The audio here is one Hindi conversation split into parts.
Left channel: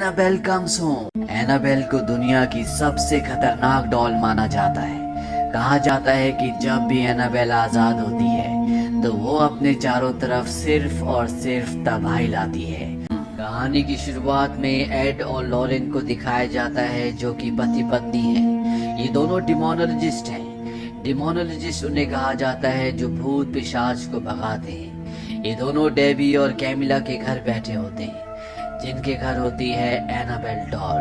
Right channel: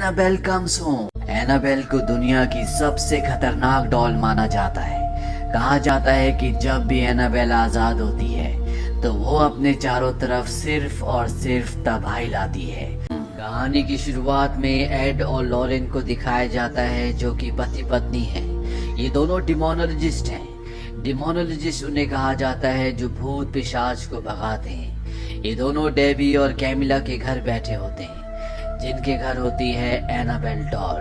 Annabelle comes home. एनाबेल को दुनिया की सबसे खतरनाक डॉल माना जाता है। कहा जाता है कि जब भी एनाबेल आजाद होती है तो वो अपने चारों तरफ सिर्फ और सिर्फ तबाही लाती है। कहानी की शुरुआत में एड और लॉरेन को दिखाया जाता है जो कि पति पत्नी हैं। ये दोनों डिमोनोलॉजिस्ट हैं। डिमोनोलॉजिस्ट उन्हें कहा जाता है जो भूत पिशाच को भगाते हैं। ये दोनों डेबी और कैमिला के घर बैठे होते हैं जिनके घर होती है एनाबेल डॉल,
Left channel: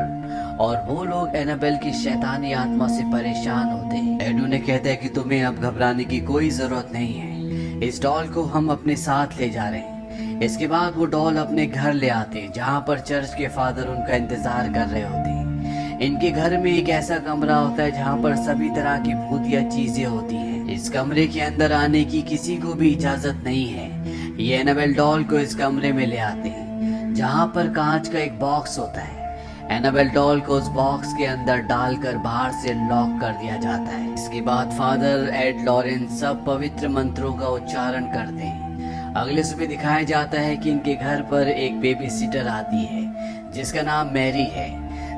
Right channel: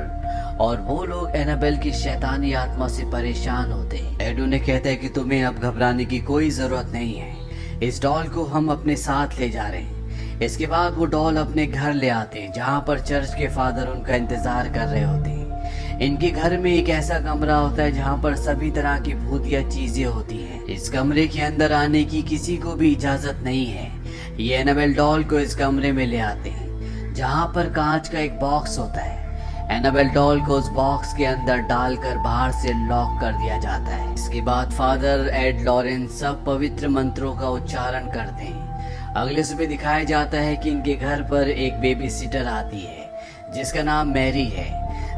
और वो लोग एनाबेल की शैतानी आत्मा से परेशान होते हैं। एड उन्हें कहता है कि तुम्हें अब घबराने की कोई जरूरत नहीं है, इस डॉल को हम अपने साथ ले जा रहे हैं। इसके बाद वो डॉल अपने घर ले आते हैं जहाँ पर चर्च के फादर उनका इंतजार कर रहे होते हैं। इनके घर में एक ऐसा कमरा होता है जहाँ पर सभी तरह की भूतिया चीजें होती हैं। इस कमरे के अंदर आने की किसी को भी इजाजत नहीं है। ये एनाबेल डॉल को इस कमरे में ले आते हैं जहाँ पर कांच का एक बॉक्स होता है। एनाबेल डॉल को उस बॉक्स के अंदर डालकर बाहर से लॉक कर दिया जाता है। इसके बाद फादर एड लॉरेन सब पवित्र मंत्रों का उच्चारण करते हैं। अगले सुबह दिखाया जाता है कि इनके घर पर एक बेबी सिटर आती है जिसका नाम मैरी है।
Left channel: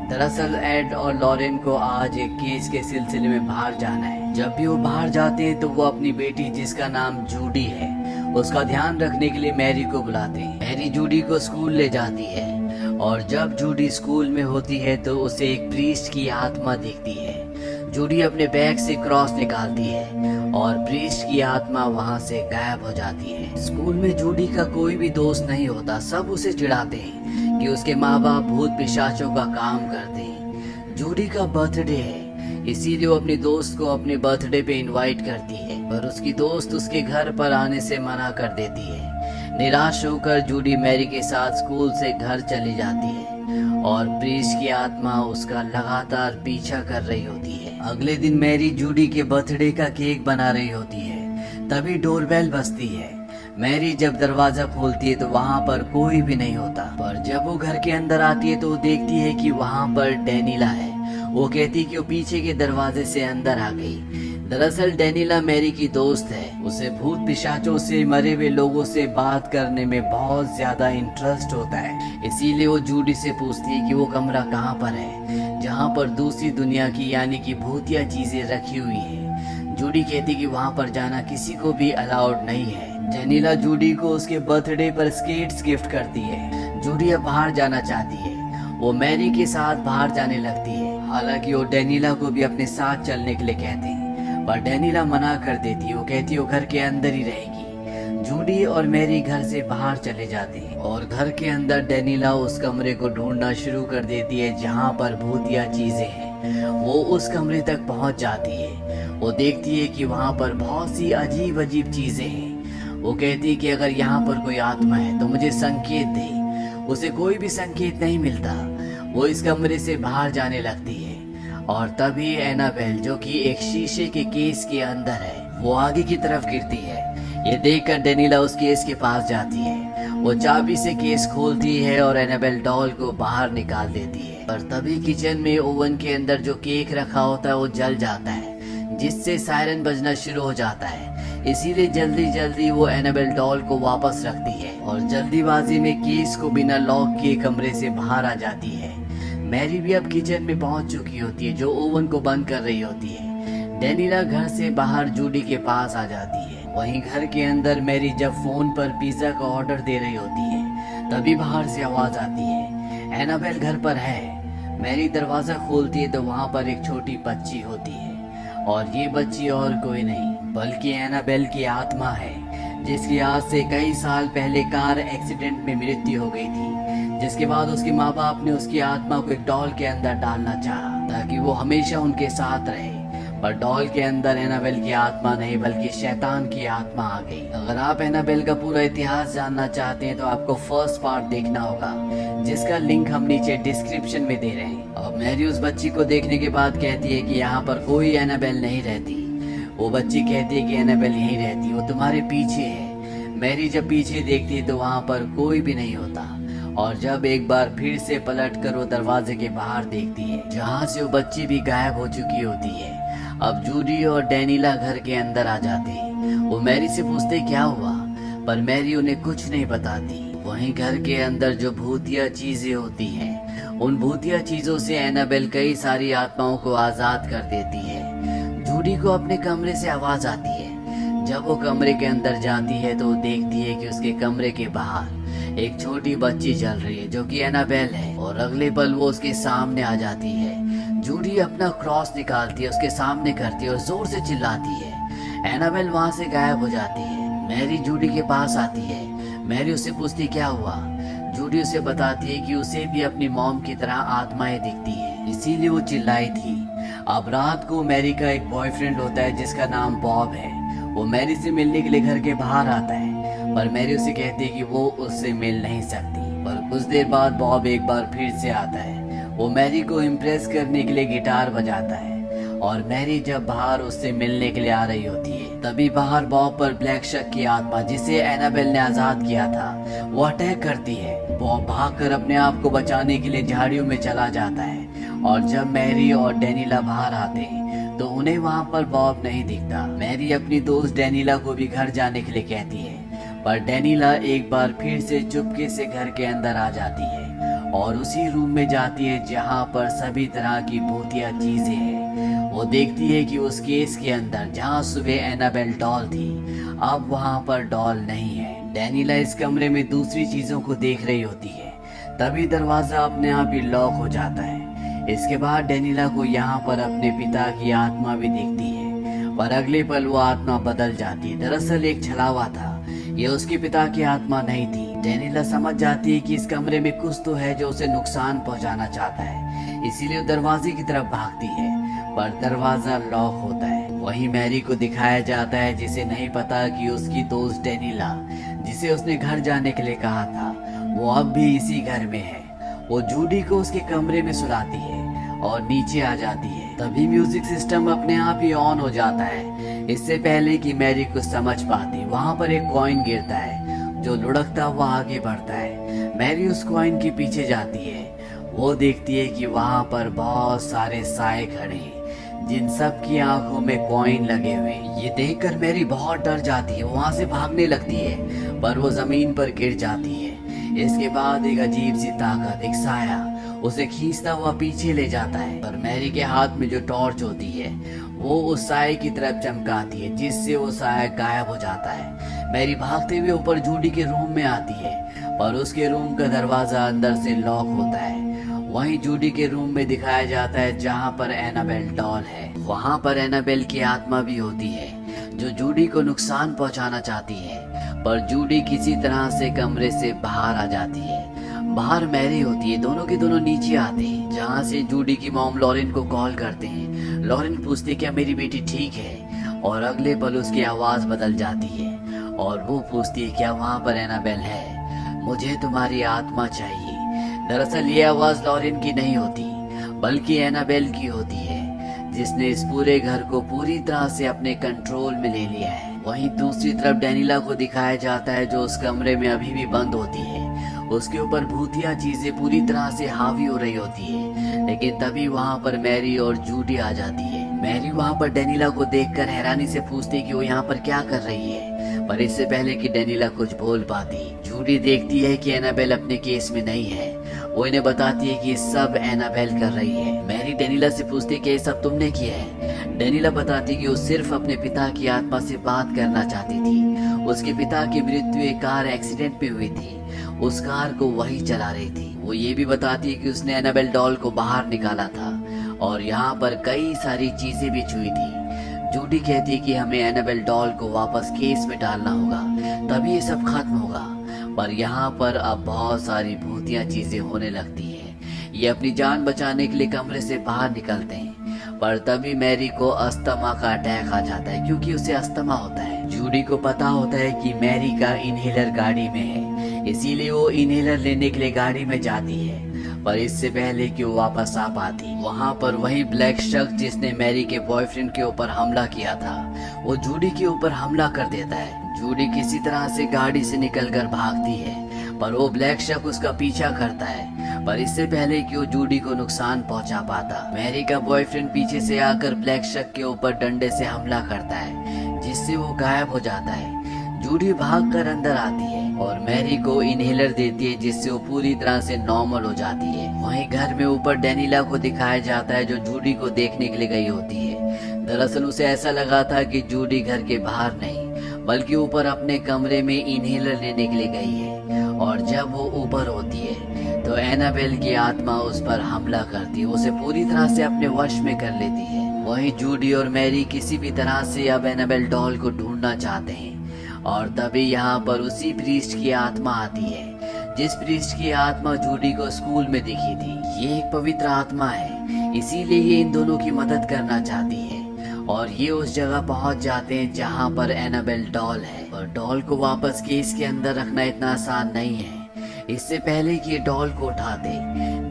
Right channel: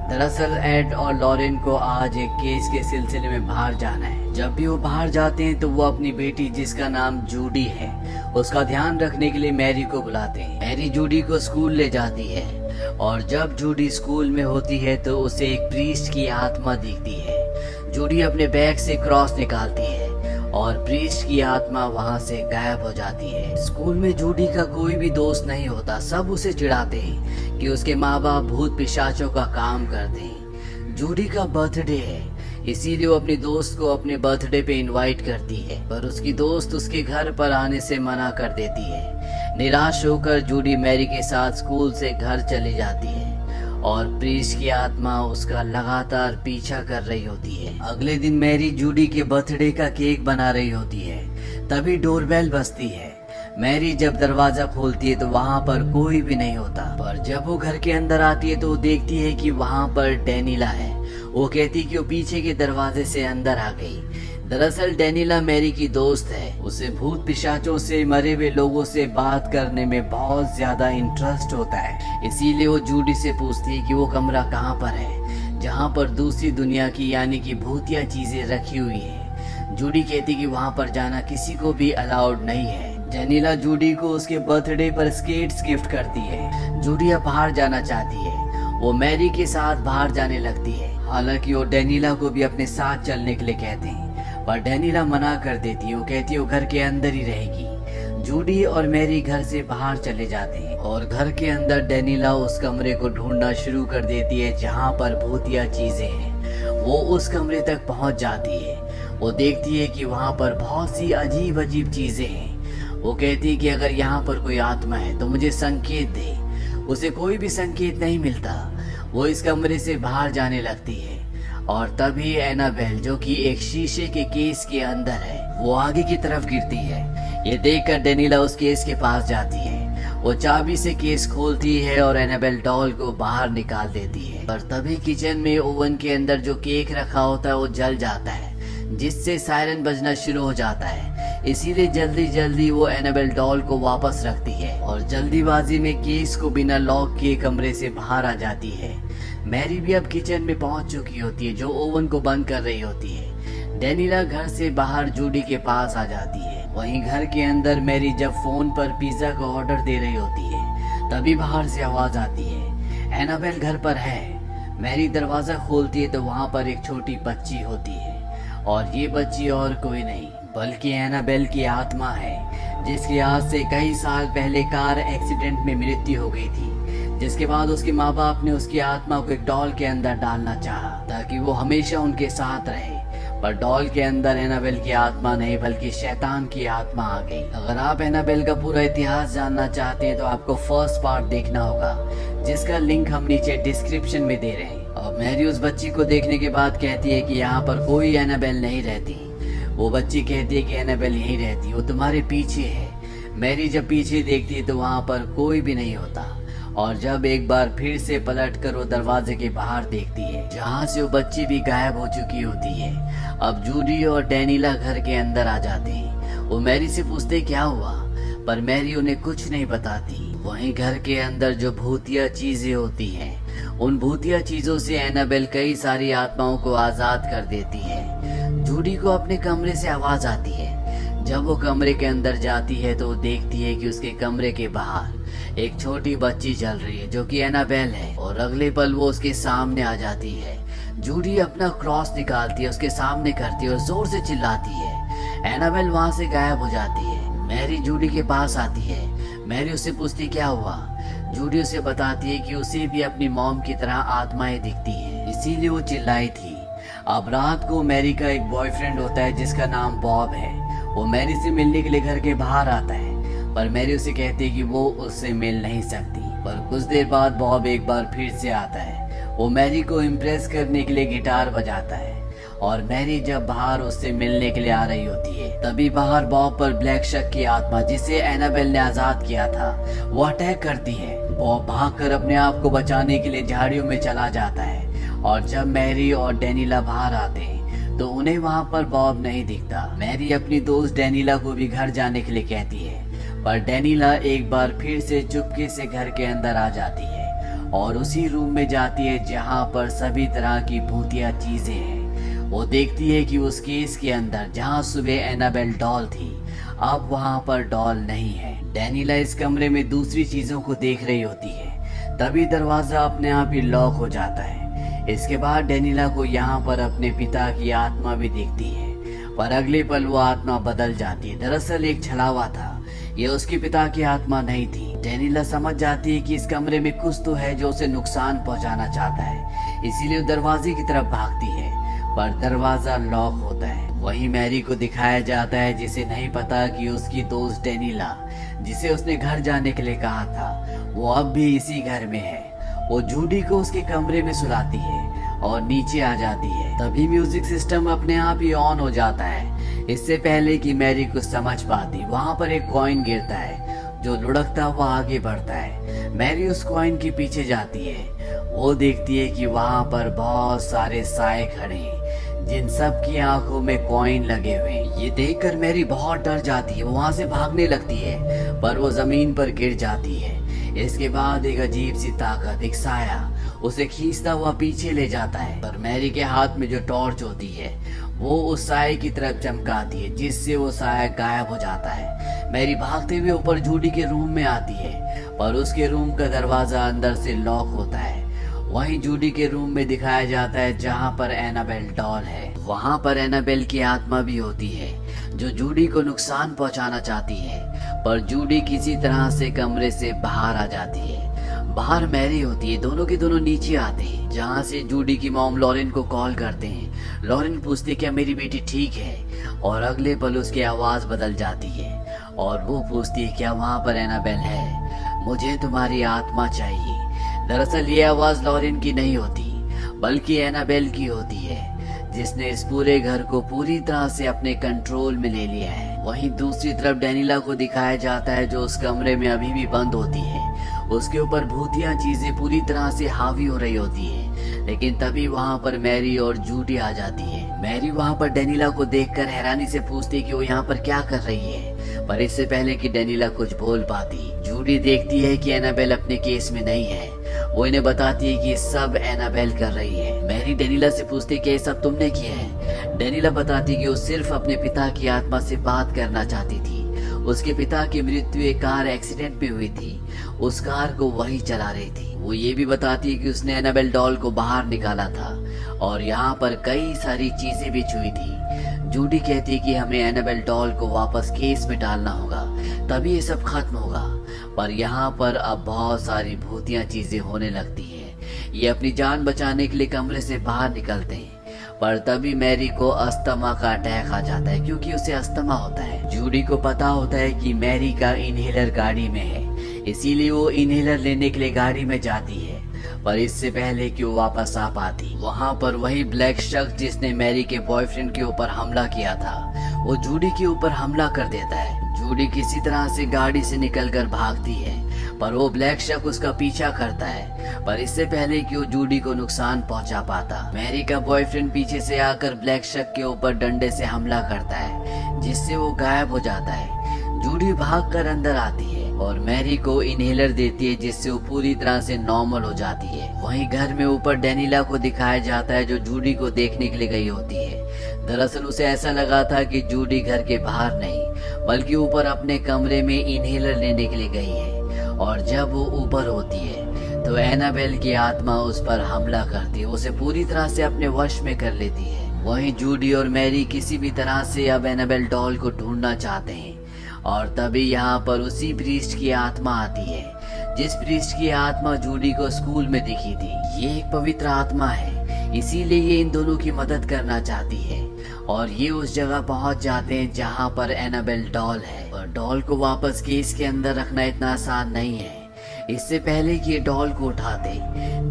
दरअसल एड और लॉरेन को आज एक केस के सिलसिले में बाहर जाना है। जब भी वो बाहर जाते हैं तो वो अपनी बेटी जिसका नाम जूडी है उसका ध्यान रखने के लिए मैरी को बुलाते हैं। मैरी जूडी को स्कूल ले जाती है और जब जूडी स्कूल में होती है तो उसे एक प्रीस्ट की आत्मा दिखती है। जूडी अपने बैग से क्रॉस निकालती है और प्रीस्ट की आत्मा वहां से गायब हो जाती है। स्कूल में जूडी का कोई भी दोस्त नहीं होता। सब उसे चिढ़ाते हैं कि उसके माँ बाप भूत पिशाचों का काम करते हैं। जूडी का बर्थडे है इसीलिए वो अपने दोस्त को अपने बर्थडे पे इनवाइट करती है, पर उसकी दोस्त उसके घर पर आने से मना कर देती है। निराश होकर जूडी मैरी के साथ स्कूल से घर चली जाती है और प्रीस्ट की आत्मा उसका लगातार पीछा कर रही होती है। अगले दिन मैरी जूडी के बर्थडे का केक बना रही होती है। तभी डोरबेल बजती है। मैरी जब दरवाजा खोलती है तो वहाँ पर कोई भी नहीं होता, पर जब वो घर के अंदर आती है तो वो देखती है कि वहाँ पर डेनिला है। वो कहती कि वो पीछे के दरवाजे से अंदर आ गई। दरअसल डेनिला मैरी की दोस्त है। उसे भूत पिशाचों से, मरे हुए लोगों से बात करने में बहुत ज्यादा इंटरेस्ट होता है। इसीलिए वो जूडी से पूछती है कि वो कमरा कहाँ पर है जहाँ पर दूसरी दुनिया की यानी कि भूतिया चीजें रखी हुई है। जूडी कहती कि वहाँ पर जाना किसी को भी अलाउड नहीं है। डेनिला जूडी को उसके बर्थडे पर स्केट्स गिफ्ट करती है। जूडी अब बाहर जाना चाहती है। वो मैरी के साथ बाहर जाने लगती है। हालांकि वो डेनिला को भी अपने साथ चलने के लिए कहते हैं, पर डेनिला मना कर देती है। वो कहती है वो घर के अंदर ही रहेगी। जूडी और मैरी घर से बाहर चले जाते हैं और घर के अंदर डेनिला उस कमरे को ढूंढना शुरू कर देती है जहाँ पर भूतिया चीजें हैं। वो उस कमरे तक पहुँच जाती है। वो देखती है कि वहाँ पर बहुत सी अजीब अजीब चीजें हैं। वो कहती है कि अगर यहाँ पर कोई आत्मा है तो मुझे संकेत दे। उसे कोई भी संकेत नहीं मिलता। वो इस कमरे से बाहर जाने लगती है और तभी एनाबेल जो कि एक शीशे के केस के अंदर है वो आगे की तरफ गिरती है। ये देखकर डेनिला उस केस के पास जाती है। वो चाबी से केस खोलती है और एनाबेल डॉल को बाहर निकाल देती है। पर तभी किचन में ओवन के अंदर जो केक रखा होता है वो जल जाता है जिससे सायरन बजना शुरू हो जाता है। इसीलिए जल्दी जल्दी वो एनाबेल डॉल को वापस रखती है और जल्दीबाजी में केस को बिना लॉक किए कमरे से बाहर आ जाती है। मैरी भी अब किचन में पहुंच चुकी होती है जो ओवन को बंद कर रही होती है। डेनिला घर से बाहर जूडी के पास आ जाती है। वहीं घर के अंदर मैरी जब फोन पर पिज्जा का ऑर्डर दे रही होती है तभी बाहर से आवाज आती है एनाबेल घर पर है। मैरी दरवाजा खोलती है तो वहाँ पर एक छोटी बच्ची होती है और ये बच्ची और कोई नहीं बल्कि एनाबेल की आत्मा है जिसकी आज से कई साल पहले कार एक्सीडेंट में मृत्यु हो गई थी। जिसके बाद उसके माँ बाप ने उसकी आत्मा को एक डॉल के अंदर डालना चाहा ताकि वो हमेशा उनके साथ रहे, पर डॉल के अंदर एनाबेल की आत्मा नहीं बल्कि शैतान की आत्मा आ गई। अगर आप एनाबेल का पूरा इतिहास जानना चाहते हैं तो आपको फर्स्ट पार्ट देखना होगा जिसका लिंक हम नीचे डिस्क्रिप्शन में दे रहे हैं। और मैरी उस बच्ची को देखने के बाद कहती है कि यहाँ पर कोई एनाबेल नहीं रहती। वो बच्ची कहती है कि एनाबेल यहीं रहती, वो तुम्हारे पीछे है। मैरी जब पीछे देखती है तो वहाँ पर कोई भी नहीं होता और जब एक बार फिर से पलटकर वो दरवाजे के बाहर देखती है जहाँ से वो बच्ची भी गायब हो चुकी होती है। अब जूडी और डेनिला घर के अंदर आ जाते हैं। वो मैरी से पूछते क्या हुआ, पर मैरी उन्हें कुछ नहीं बताती। वहीं घर के अंदर जो भूतिया चीजें होती हैं उन भूतिया चीजों से एनाबेल कई सारी आत्माओं को आजाद कर देती है। जूडी को अपने कमरे से आवाज आती है। जब वो कमरे के अंदर जाती है तो वो देखती है कि उसके कमरे के बाहर एक छोटी बच्ची चल रही है जो कि एनाबेल है, और अगले पल वो उसके सामने आ जाती है। जूडी अपना क्रॉस निकालती है, उसके सामने करती है और जोर से चिल्लाती है। एनाबेल वहां से गायब हो जाती है। मैरी जूडी के पास आती है। मैरी उससे पूछती क्या हुआ। जूडी उसे बताती है कि उसे भी अपनी मॉम की तरह आत्माएं दिखती है, इसीलिए वो चिल्लाई थी। अब रात को मैरी का एक बॉयफ्रेंड होता है जिसका नाम बॉब है। वो मैरी से मिलने के लिए घर के बाहर आता है, पर मैरी उसे कहती है कि वो उससे मिल नहीं सकती। पर कुछ देर बाद बॉब एक बार फिर से आता है। वो मैरी को इम्प्रेस करने के लिए गिटार बजाता है, और मैरी जब बाहर उससे मिलने के लिए आ रही होती है तभी बाहर बॉब पर ब्लैक शक की आत्मा, जिसे एनाबेल ने आजाद किया था, वो अटैक करती है। बॉब भागकर अपने आप को बचाने के लिए झाड़ियों में चला जाता है, और जब मैरी और डेनिला बाहर आते हैं तो उन्हें वहाँ पर बॉब नहीं दिखता। मैरी अपनी दोस्त डेनिला को भी घर जाने के लिए कहती है, पर डेनिला एक बार फिर से चुपके से घर के अंदर आ जाती है और उसी रूम में जाती है जहाँ पर सभी तरह की भूतिया चीजें हैं। वो देखती है कि उस केस के अंदर जहाँ सुबह एनाबेल डॉल थी, अब वहाँ पर डॉल नहीं है। डेनिला इस कमरे में दूसरी चीजों को देख रही होती है, तभी दरवाजा अपने आप ही लॉक हो जाता है। इसके बाद डेनिला को यहाँ पर अपने पिता की आत्मा भी दिखती है, पर अगले पल वो आत्मा बदल जाती है। दरअसल एक छलावा था, ये उसके पिता की आत्मा नहीं थी। डेनिला समझ जाती है कि इस कमरे में कुछ तो है जो उसे नुकसान पहुंचाना चाहता है, इसीलिए वो दरवाजे की तरफ भागती है, पर दरवाजा लॉक होता है। वहीं मैरी को दिखाया जाता है जिसे नहीं पता कि उसकी दोस्त डेनिला, जिसे उसने घर जाने के लिए कहा था, वो अब भी इसी घर में है। वो जूडी को उसके कमरे में सुलाती है और नीचे आ जाती है। तभी म्यूजिक सिस्टम अपने आप ही ऑन हो जाता है। इससे पहले कि मैरी कुछ समझ पाती, वहां पर एक कॉइन गिरता है जो लुढ़कता हुआ आगे बढ़ता है। मैरी उस कॉइन के पीछे जाती है। वो देखती है कि वहां पर बहुत सारे साए खड़े हैं जिन सब की आंखों में कॉइन लगे हुए। ये देखकर मैरी बहुत डर जाती है, वहां से भागने लगती है, पर वो जमीन पर गिर जाती है। इसके बाद एक अजीब सी ताकत, एक साया, उसे खींचता हुआ पीछे ले जाता है, पर मैरी के हाथ में जो टॉर्च होती है वो उस साए की तरफ चमकाती है, जिससे वो साया गायब हो जाता है। मैरी भागते हुए ऊपर जूडी के रूम में आती है, पर उसके रूम का दरवाजा अंदर से लॉक होता है। वहीं जूडी के रूम में दिखाया जाता है जहां पर एनाबेल डॉल है। वहां पर एनाबेल की आत्मा भी होती है जो जूडी को नुकसान पहुंचाना चाहती है, पर जूडी किसी तरह से कमरे से बाहर आ जाती है। बाहर मैरी होती है, दोनों के दोनों नीचे आते हैं, जहां से जूडी की मॉम लॉरेन को कॉल करते हैं। लॉरेन पूछती क्या मेरी बेटी ठीक है, और अगले पल उसकी आवाज बदल जाती है और वो पूछती है क्या वहां पर एनाबेल है, मुझे तुम्हारी आत्मा चाहिए। दरअसल ये आवाज लॉरेन की नहीं होती बल्कि एनाबेल की होती है, जिसने इस पूरे घर को पूरी तरह से अपने कंट्रोल में ले लिया है। वहीं दूसरी तरफ डेनिला को दिखाया जाता है जो उस कमरे में अभी भी बंद होती है। उसके ऊपर भूतिया चीजें पूरी तरह से हावी हो रही होती है, लेकिन तभी वहाँ पर मैरी और जूडी आ जाती है। मैरी वहाँ पर डेनिला को देखकर हैरानी से पूछती है कि वो यहाँ पर क्या कर रही है, पर इससे पहले कि डेनिला कुछ बोल पाती, जूडी देखती है कि एनाबेल अपने केस में नहीं है। वो इन्हें बताती है कि सब एनाबेल कर रही है। मैरी डेनिला से पूछती है कि ये सब तुमने किया है। डेनिला बताती कि वो सिर्फ अपने पिता की आत्मा से बात करना चाहती थी। उसके पिता की मृत्यु एक कार एक्सीडेंट में हुई थी, उस कार को वही चला रही थी। वो ये भी बताती है कि उसने एनाबेल डॉल को बाहर निकाला था और यहाँ पर कई सारी चीजें भी छुई थी। जूडी कहती है कि हमें एनाबेल डॉल को वापस केस में डालना होगा, तभी ये सब खत्म होगा। पर यहाँ पर अब बहुत सारी भूतिया चीजें होने लगती हैं। ये अपनी जान बचाने के लिए कमरे से बाहर निकलते हैं, पर तभी मैरी को अस्थमा का अटैक आ जाता है, क्योंकि उसे अस्थमा होता है। जूडी को पता होता है कि मैरी का इनहेलर गाड़ी में है, इसीलिए वो इनहेलर लेने के लिए गाड़ी में जाती है। पर इससे पहले कि वो वापस आ पाती, वहाँ पर वही ब्लैक शख्स जिसने मैरी के बॉयफ्रेंड के ऊपर हमला किया था, वो जूडी के ऊपर हमला कर देता है। जूडी किसी तरह से गाड़ी से निकलकर भागती है, पर वो ब्लैक शख्स उसका पीछा करता है, पर इससे पहले कि वो जूडी को नुकसान पहुंचा पाता, मैरी का बॉयफ्रेंड पीछे से आकर ब्लैक शख्स के ऊपर डंडे से हमला करता है, जिससे वो गायब हो जाता है। जूडी भागकर अंदर आती है और मैरी को इनहेलर देती है जिससे वो पूरी तरह से नॉर्मल हो जाती है। वहीं घर में ऊपर डेनिला को दिखाया जाता है जो जूडी को देखने के लिए गई होती है। दरअसल उसे ऐसा लगा था कि जूडी घर के बाहर नहीं बल्कि ऊपर अपने कमरे में इनहेलर लेने के लिए गई है। और जब वो ऊपर होती है तो एनाबेल की आत्मा उस पर हमला करती है, उसे पूरी तरह से अपने वश में कर लेती है। वहीं जूडी और मैरी किसी भी तरह से अब एनाबेल डॉल को ढूंढना चाहते हैं और तभी यहाँ पर उसी प्रीस्ट की आत्मा आती है जिस प्रीस्ट की आत्मा जूडी को स्कूल में दिखी थी। ये एक पवित्र आत्मा है, इसीलिए ये इन दोनों की मदद करना चाहती है और ये उस जगह पहुंच जाते हैं जहाँ पर एनाबेल डॉल है। और डॉल को वापस केस के अंदर रखना इतना आसान नहीं है। इससे पहले कि ये डॉल को उठाते,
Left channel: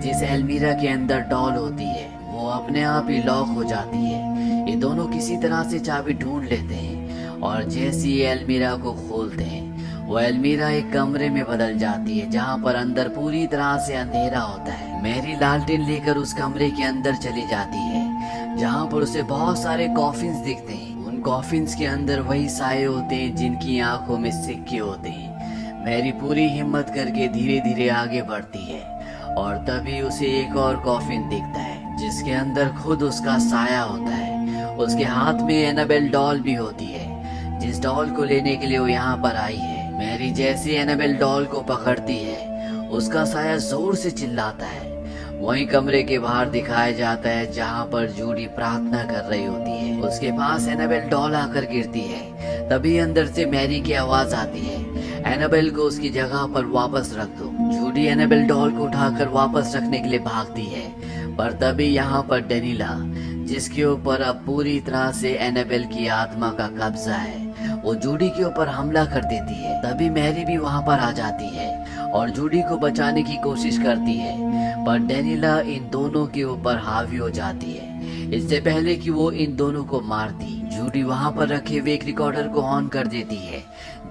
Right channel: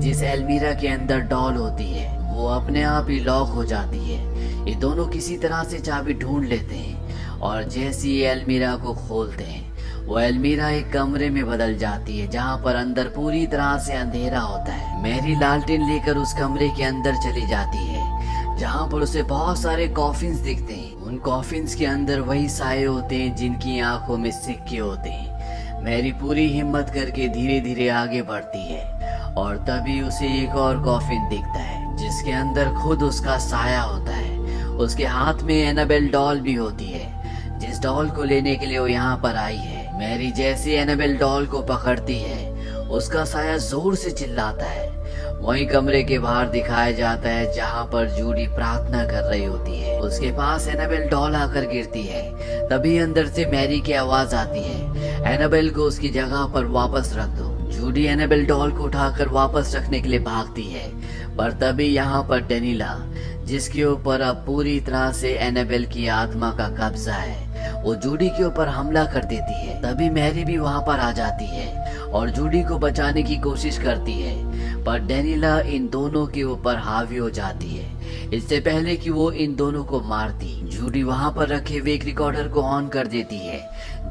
जिस एल्मीरा के अंदर डॉल होती है वो अपने आप ही लॉक हो जाती है। ये दोनों किसी तरह से चाबी ढूंढ लेते हैं और जैसे ही एल्मीरा को खोलते हैं वो एल्मीरा एक कमरे में बदल जाती है जहाँ पर अंदर पूरी तरह से अंधेरा होता है। मैरी लालटेन लेकर उस कमरे के अंदर चली जाती है जहाँ पर उसे बहुत सारे कॉफिन्स दिखते हैं। उन कॉफिन्स के अंदर वही साए होते हैं जिनकी आंखों में सिक्के होते हैं। मैरी पूरी हिम्मत करके धीरे धीरे आगे बढ़ती है और तभी उसे एक और कॉफिन दिखता है जिसके अंदर खुद उसका साया होता है। उसके हाथ में एनाबेल डॉल भी होती है जिस डॉल को लेने के लिए वो यहाँ पर आई है। मैरी जैसे एनाबेल डॉल को पकड़ती है उसका साया जोर से चिल्लाता है। वहीं कमरे के बाहर दिखाया जाता है जहाँ पर जूडी प्रार्थना कर रही होती है। उसके पास एनाबेल डॉल आकर गिरती है। तभी अंदर से मैरी की आवाज आती है, एनाबेल को उसकी जगह पर वापस रख दो। जूडी एनाबेल डॉल को उठाकर वापस रखने के लिए भागती है पर तभी यहाँ पर डेनिला, जिसके ऊपर अब पूरी तरह से एनाबेल की आत्मा का कब्जा है, वो जूडी के ऊपर हमला कर देती है। तभी मैरी भी वहाँ पर आ जाती है और जूडी को बचाने की कोशिश करती है पर डेनिला इन दोनों के ऊपर हावी हो जाती है। इससे पहले कि वो इन दोनों को मारती, जूडी वहाँ पर रखे हुए एक रिकॉर्डर को ऑन कर देती है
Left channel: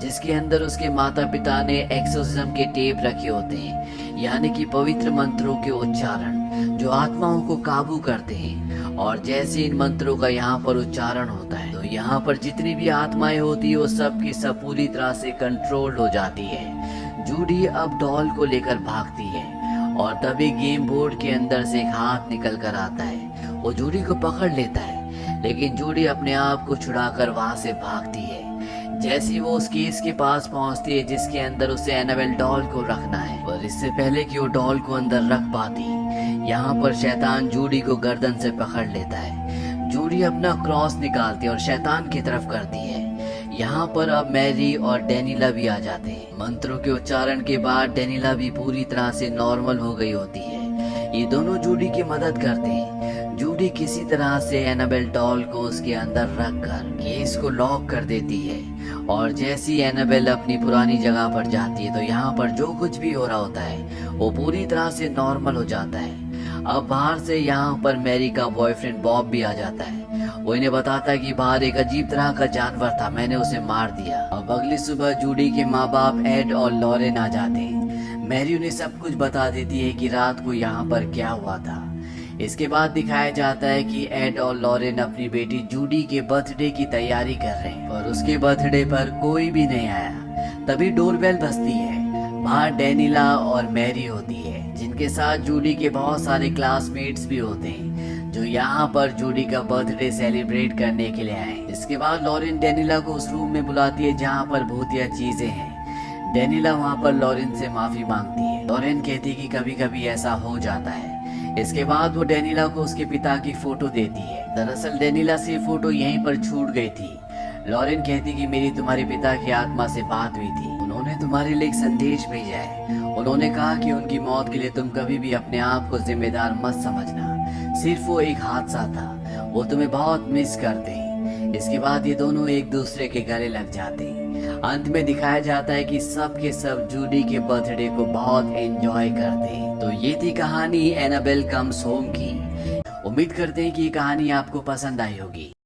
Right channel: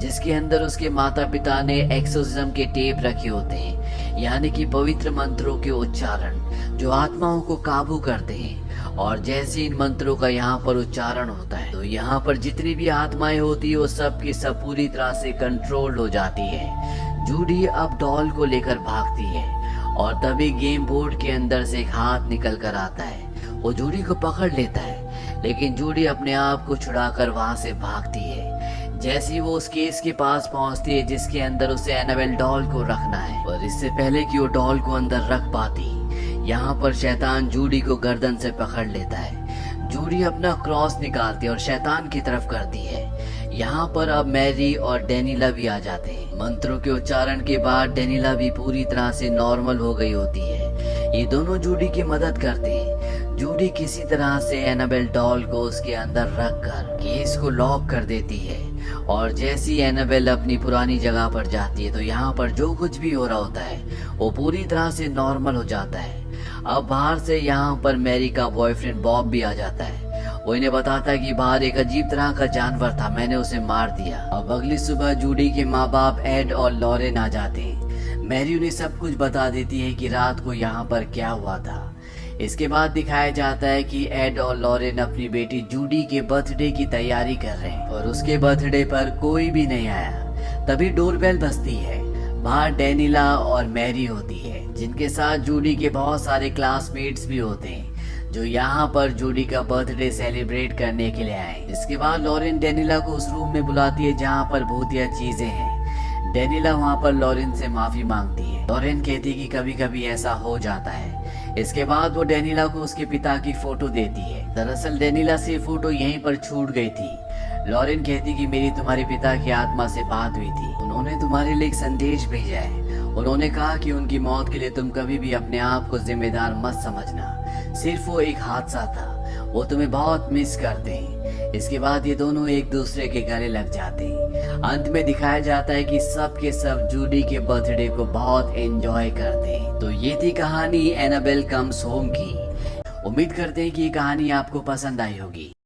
जिसके अंदर उसके माता पिता ने एक्सोर्सिज्म के टेप रखे होते हैं, यानी कि पवित्र मंत्रों के उच्चारण जो आत्माओं को काबू करते हैं। और जैसे इन मंत्रों का यहाँ पर उच्चारण होता है तो यहाँ पर जितनी भी आत्माएं होती है वो सब की सब पूरी तरह से कंट्रोल हो जाती है। जूडी अब डॉल को लेकर भागती है और तभी गेम बोर्ड के अंदर से एक हाथ निकल कर आता है। वो जूडी को पकड़ लेता है लेकिन जूडी अपने आप को छुड़ाकर वहां से भागती है। जैसे ही वो उस केस के पास पहुंचती है जिसके अंदर उसे एनाबेल डॉल को रखना है, पर इससे पहले कि वो डॉल को अंदर रख पाती, यहाँ पर शैतान जूडी को गर्दन से पकड़ लेता है। जूडी अपना क्रॉस निकालती है और शैतान की तरफ करती है। यहाँ पर अब मैरी और डेनिला भी आ जाते हैं। मंत्रों के उच्चारण के बाद डेनिला भी पूरी तरह से नॉर्मल हो गई होती है। ये दोनों जूडी की मदद करते हैं। जूडी किसी तरह से एनाबेल डॉल को उसके अंदर रखकर केस को लॉक कर देती है और जैसी एनाबेल अपनी पुरानी जगह पर जाती है तो यहाँ पर जो कुछ भी हो रहा होता है वो पूरी तरह से नॉर्मल हो जाता है। अब बाहर से यहाँ पर मैरी का बॉयफ्रेंड बॉब भी आ जाता है। वो इन्हें बताता है कि बाहर एक अजीब तरह का जानवर था, मैंने उसे मार दिया। अब अगली सुबह जूडी के माँ बाप एड और लॉरेन आ जाते हैं। मैरी उन्हें सब कुछ बता देती है कि रात को यहाँ पर क्या हुआ था। इसके बाद दिखाया जाता है कि एड और लॉरेन अपनी बेटी जूडी के बर्थडे की तैयारी कर रहे हैं और उसके बर्थडे पर कोई भी नहीं आया। तभी डोरबेल बजती है। बाहर डेनिला और मैरी होती है जिनके साथ जूडी के बहुत सारे क्लासमेट्स भी होते हैं जो यहाँ पर जूडी का बर्थडे सेलिब्रेट करने के लिए आए। इसके बाद लॉरेन डेनिला को उस रूम में बुलाती है जहाँ पर भूतिया चीजें हैं। डेनिला वहाँ पर लॉरेन से माफी मांगती है। लॉरेन कहती है कि कभी कभी ऐसा हो जाता है। इसके बाद वो डेनिला को उसके पिता की फोटो देती है। दरअसल डेनिला से फोटो यहीं पर छूट गई थी। लॉरेन कहती कि मेरी तुम्हारे पिता की आत्मा से बात हुई थी, उन्होंने तुम्हारे लिए एक संदेश भेजा है। उन्होंने कहा कि उनकी मौत के लिए तुम कभी भी अपने आप को जिम्मेदार मत समझना, सिर्फ वो एक हादसा था, वो तुम्हें बहुत मिस करते हैं। इसके बाद ये दोनों एक दूसरे के गले लग जाते हैं। अंत में दिखाया जाता है कि सब के सब जूडी के बर्थडे को बहुत एंजॉय करते हैं। तो ये थी कहानी एनाबेल कम्स होम की। उम्मीद करते हैं कि ये कहानी आपको पसंद आई होगी।